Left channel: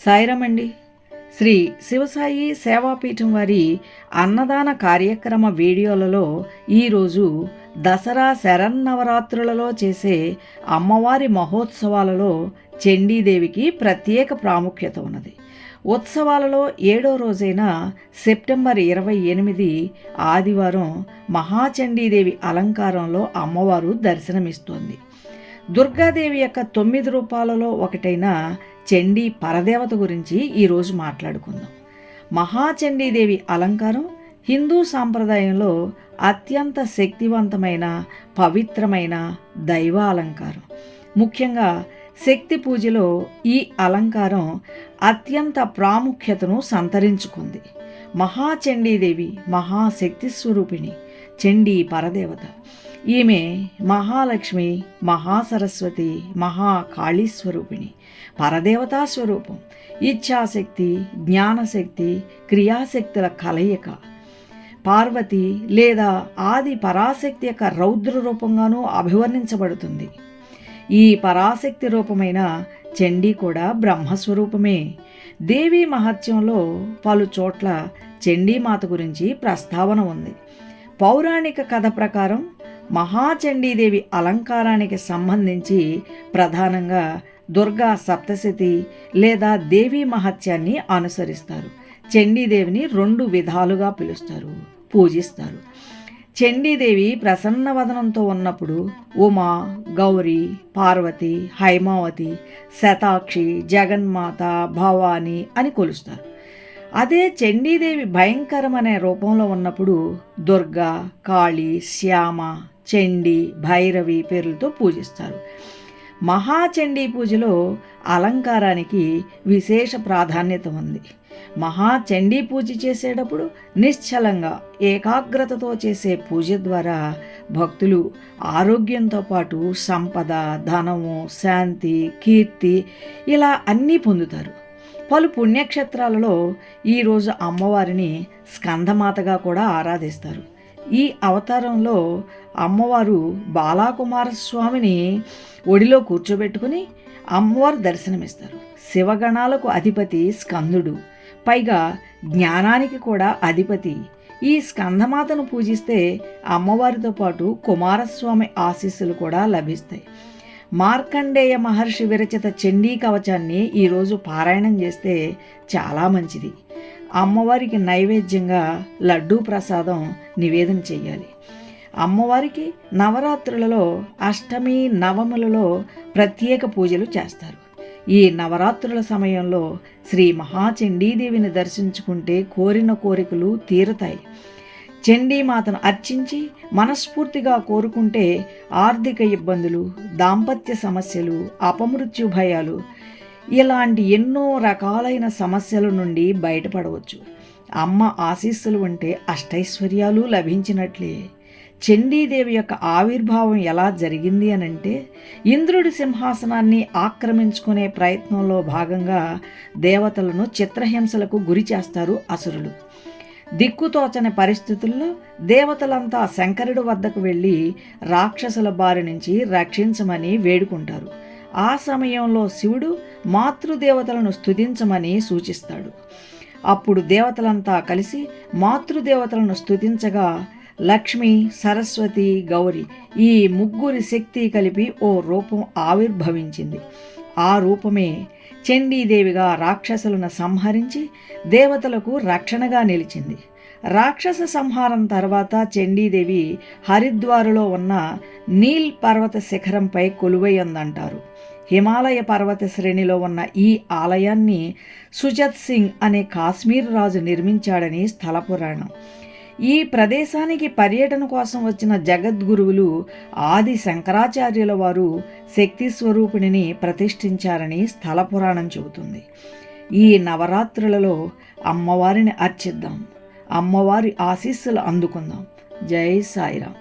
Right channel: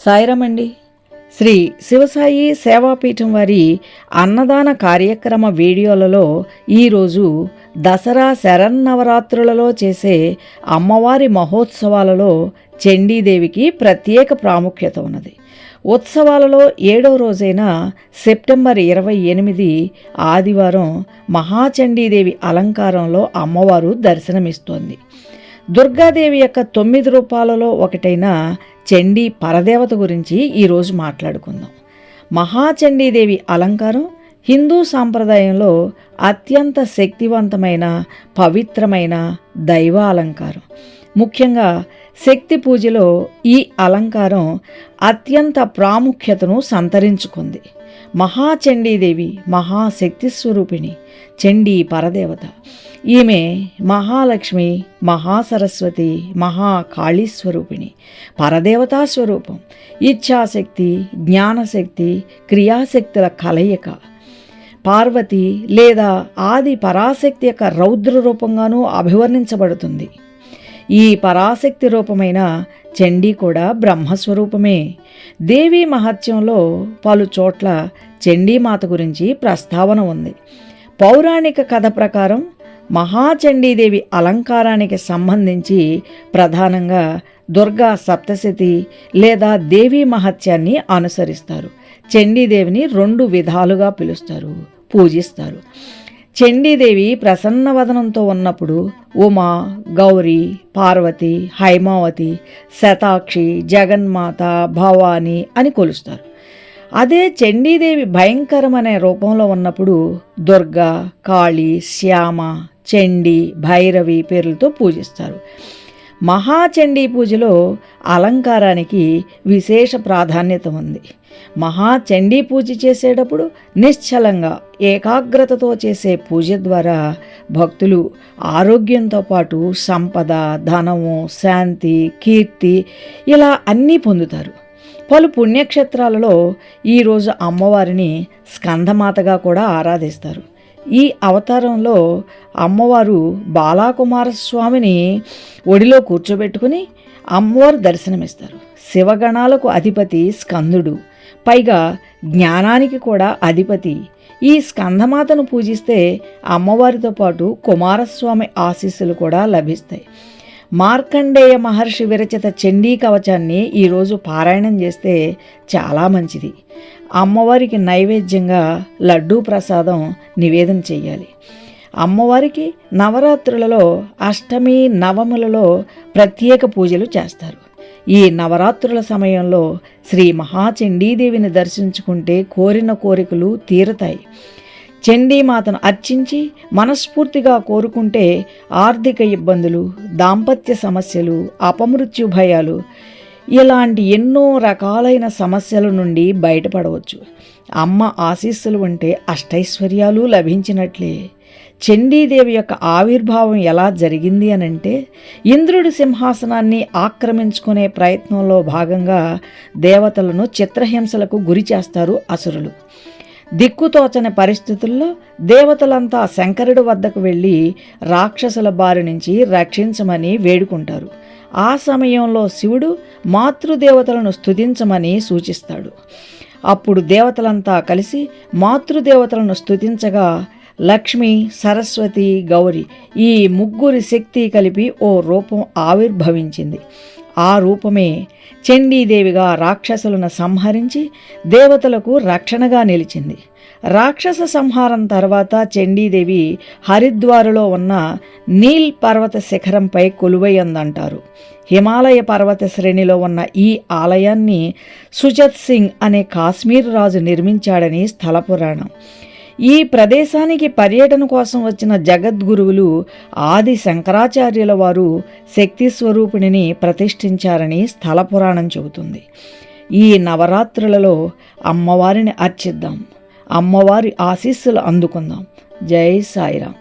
సాయిరామండి. శ్రీ శివసాయి సేవాపీఠం వారి అన్నదాన కార్యక్రమ వీడియోలలో ఈరోజు దసరా శరన్నవరాత్రులలో చేసే అమ్మవారి మహోత్సవాలలో చండీదేవికి ప్రత్యేక ప్రాముఖ్యత ఉన్నది. ఉత్సవాలలో 7వ రోజైన సెప్టెంబర్ 28 ఆదివారం మహాచండీదేవి అలంకారంలో అమ్మవారు దర్శనమిస్తోంది. దుర్గాదేవి యొక్క 9 రూపాలలో ఒకటైన చండీ పరదేవత గురించి ఈరోజు మాట్లాడుకుందాం. మహాచండీదేవి అలంకారం హిందూ సాంప్రదాయంలో అత్యంత శక్తివంతమైన పవిత్రమైన దైవ అలంకారం. ముఖ్యంగా శక్తి పూజలో ఈ అలంకారం అత్యంత ప్రాముఖ్యతను సంతరించుకుంది. మహాచండీదేవి మహాశక్తి స్వరూపిణి, చండీ పరదేవత. ఈమె మహాలక్ష్మి, మహాసరస్వతి, మహాకాళీ స్వరూపిణి, పరదేవతా స్వరూపం. ఇచ్ఛాశక్తి, జ్ఞానశక్తి, క్రియాశక్తుల కలయిక. పార్వతి లేదా ఆది పరాశక్తి యొక్క రౌద్ర రూపంగానూ అభివర్ణించబడుతుంది. ఈ పరాశక్తి రూపమైన చండీ కూడా బ్రహ్మస్వరూపమే. దేవీ మహత్యంలో పలు చోట్ల చండీమాత గురించి ప్రస్తావన ఉంది. పౌరాణిక కథ ప్రకారం మహాచండీదేవి అలంకారానికి సంబంధించి ప్రధానంగా దుర్గా సప్తశతి లేదా దేవీ మహత్యాన్ని అనుసరిస్తారు. చండీదేవిని 2 విధాలుగా పిలుస్తారు, పూజిస్తారు. చండీదేవి ప్రసన్నవదనంతో ఉన్నప్పుడు ఉమా, గౌరీ, పార్వతి, హైమావతి, శతాక్షి, జగన్మాత, భవాని అని కొలుస్తారు. అదే చండీదేవి భయంకరమనే రూపంలో ఉన్నప్పుడు దుర్గా, కాళీ, శ్యామ, చండీ, భైరవి పేర్లతో పూజిస్తారు. మహాచండీ పూజలో అలంకారానికి విశేష ప్రాధాన్యత ఉంది. మహాచండీ పూజ చేసేటప్పుడు నిశ్చలంగా ఏకాగ్రతతో చేసే పూజ ద్వారా భక్తులు ఆరోగ్యంతో పాటు సంపద, ధనము, శాంతి, కీర్తి ఇలా అన్నీ పొందుతారు. పలు పుణ్యక్షేత్రాలలో ఈరోజు అమ్మవారిని స్కందమాతగా కూడా ఆరాధిస్తారు. ఈ అవతారంలో అమ్మవారు బాలాకుమారస్వామిని ఒడిలో కూర్చోబెట్టుకుని అమ్మవారు దర్శనమిస్తారు. శివగణాలకు అధిపతి స్కందుడు, పైగా జ్ఞానానికి కూడా అధిపతి. ఈ స్కందమాతను పూజిస్తే అమ్మవారితో పాటు కుమారస్వామి ఆశీస్సులు కూడా లభిస్తాయి. మార్కండేయ మహర్షి విరచిత చండీ కవచాన్ని ఈరోజు పారాయణం చేస్తే చాలా మంచిది. అమ్మవారికి నైవేద్యంగా లడ్డూ ప్రసాదం నివేదన చెయ్యాలి. అమ్మవారికి నవరాత్రులలో అష్టమి, నవములలో ప్రత్యేక పూజలు చేస్తారు. ఈ నవరాత్రుల సమయంలో శ్రీ మహాచండీదేవిని దర్శించుకుంటే కోరిన కోరికలు తీరుతాయి. చండీమాతను అర్చించి మనస్ఫూర్తిగా కోరుకుంటే ఆర్థిక ఇబ్బందులు, దాంపత్య సమస్యలు, అపమృత్యు భయాలు ఇలాంటి ఎన్నో రకాలైన సమస్యల నుండి బయటపడవచ్చు. అమ్మ ఆశీస్సులు ఉంటే అష్టైశ్వర్యాలు లభించినట్లే. చండీదేవి యొక్క ఆవిర్భావం ఎలా జరిగింది అనంటే, ఇంద్రుడి సింహాసనాన్ని ఆక్రమించుకునే ప్రయత్నంలో భాగంగా దేవతలను చిత్రహింసలకు గురి చేస్తారు అసురులు. దిక్కుతోచని పరిస్థితుల్లో దేవతలంతా శంకరుడి వద్దకు వెళ్ళి రాక్షసుల బారి నుంచి రక్షించమని వేడుకుంటారు. ఆ సమయంలో శివుడు మాతృదేవతలను స్తుతించమని సూచిస్తాడు. అప్పుడు దేవతలంతా కలిసి మాతృదేవతలను స్తుతించగా లక్ష్మి, సరస్వతి, గౌరి ఈ ముగ్గురి శక్తి కలిపి ఓ రూపం ఆవిర్భవించింది. ఆ రూపమే చండీదేవిగా రాక్షసులను సంహరించి దేవతలకు రక్షణగా నిలిచింది. రాక్షస సంహారం తర్వాత చండీదేవి హరిద్వారులో ఉన్న నీల్ పర్వత శిఖరంపై కొలువైందంటారు. హిమాలయ పర్వత శ్రేణిలో ఉన్న ఈ ఆలయాన్ని సుజత్ సింగ్ అనే కాశ్మీర్ రాజు నిర్మించాడని స్థల పురాణం. ఈ ప్రదేశానికి పర్యటన కోసం వచ్చిన జగద్గురువులు ఆది శంకరాచార్యుల వారు శక్తి స్వరూపిణిని ప్రతిష్ఠించారని స్థల పురాణం చెబుతుంది. ఈ నవరాత్రులలో అమ్మవారిని అర్చిద్దాం, అమ్మవారి ఆశీస్సులు అందుకుందాం. జై సాయిరాం.